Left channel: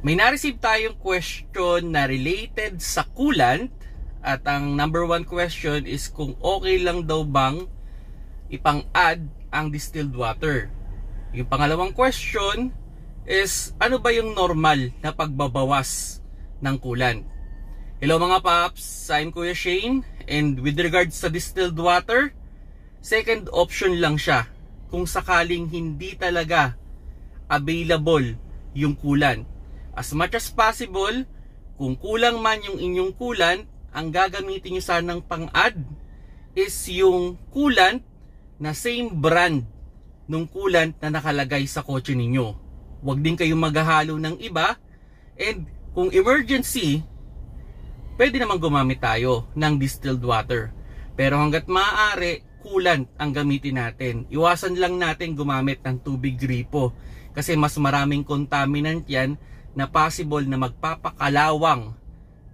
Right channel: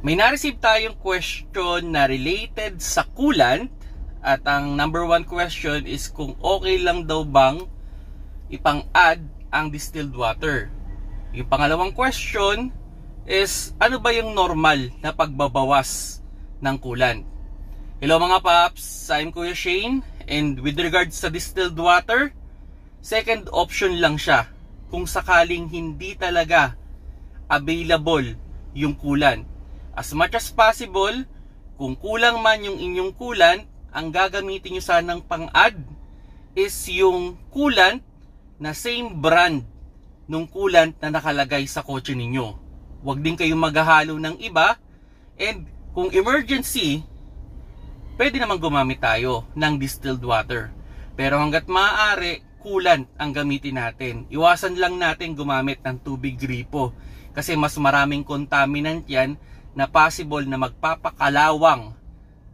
May na-receive tayong question na related sa coolant at ang number one question is kung okay lang daw bang ipang-add ang distilled water. Yung pangalawang question is ano ba yung normal na pagbabawas ng coolant. Hello mga paps, I'm Kuya Shane, and with regards sa distilled water, second option lang siya kung sakaling hindi talaga available yung coolant. As much as possible, kung kulang man yung inyong coolant, ang gagamitin nyo sanang pang-add is yung coolant na same brand nung coolant na nakalagay sa kotse ninyo. Huwag din kayong maghahalo ng iba, and kung emergency, pwede naman gumamit tayo ng distilled water. Pero hanggat maaari, coolant ang gamitin natin. Iwasan lang natin gumamit ng tubig gripo kasi mas maraming contaminant yan na possible na magpapakalawang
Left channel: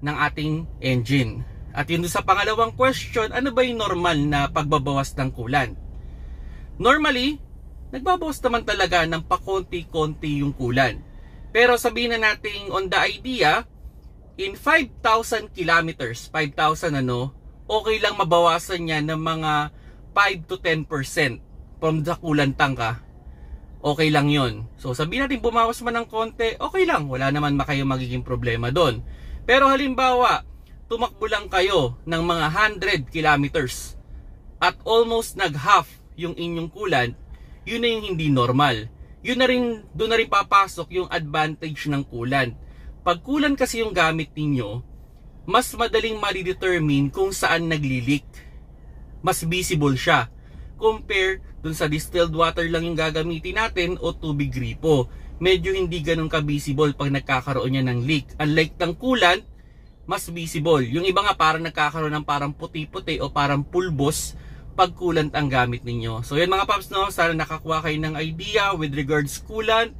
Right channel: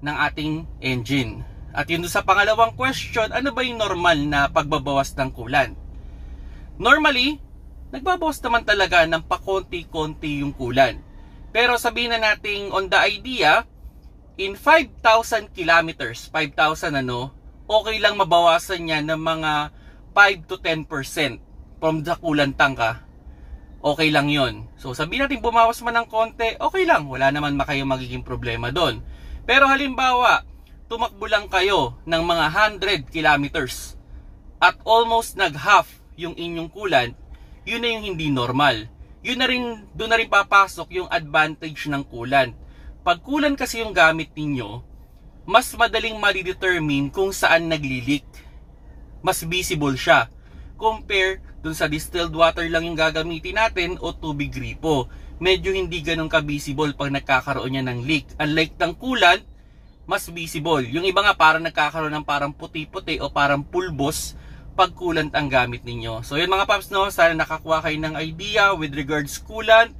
ng ating engine. At yun sa pangalawang question, ano ba yung normal na pagbabawas ng coolant? Normally, nagbabawas naman talaga ng pakonti-konti yung coolant. Pero sabihin na natin on the idea, in 5,000 kilometers, 5,000 okay lang mabawasan niya ng mga 5 to 10% from the coolant tank. Okay lang yon. So sabihin natin bumawas man ng konti, okay lang, wala naman kayong magiging problema doon. Pero halimbawa, tumakbo lang kayo ng mga 100 kilometers at almost nag-half yung inyong coolant, yun na yung hindi normal. Yun na rin, doon na rin papasok yung advantage ng coolant. Pag coolant kasi yung gamit ninyo, mas madaling ma-determine kung saan nagli-leak. Mas visible siya compare dun sa distilled water lang yung gagamitin natin o tubig gripo. Medyo hindi ganun ka-visible pag nagkakaroon niya ng leak. Unlike ng coolant, mas visible. Yung iba nga parang nagkakaroon ng parang puti-puti o parang pulbos pag coolant ang gamit ninyo. So yun mga paps, sana nakakuha kayo ng idea with regards coolant,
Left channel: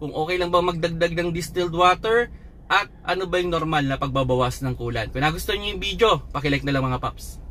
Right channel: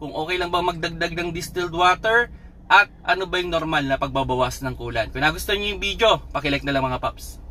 kung okay lang ba magdagdag ng distilled water, at ano ba yung normal na pagbabawas ng coolant. Kung nagustuhan niyo yung video, paki-like na lang mga paps.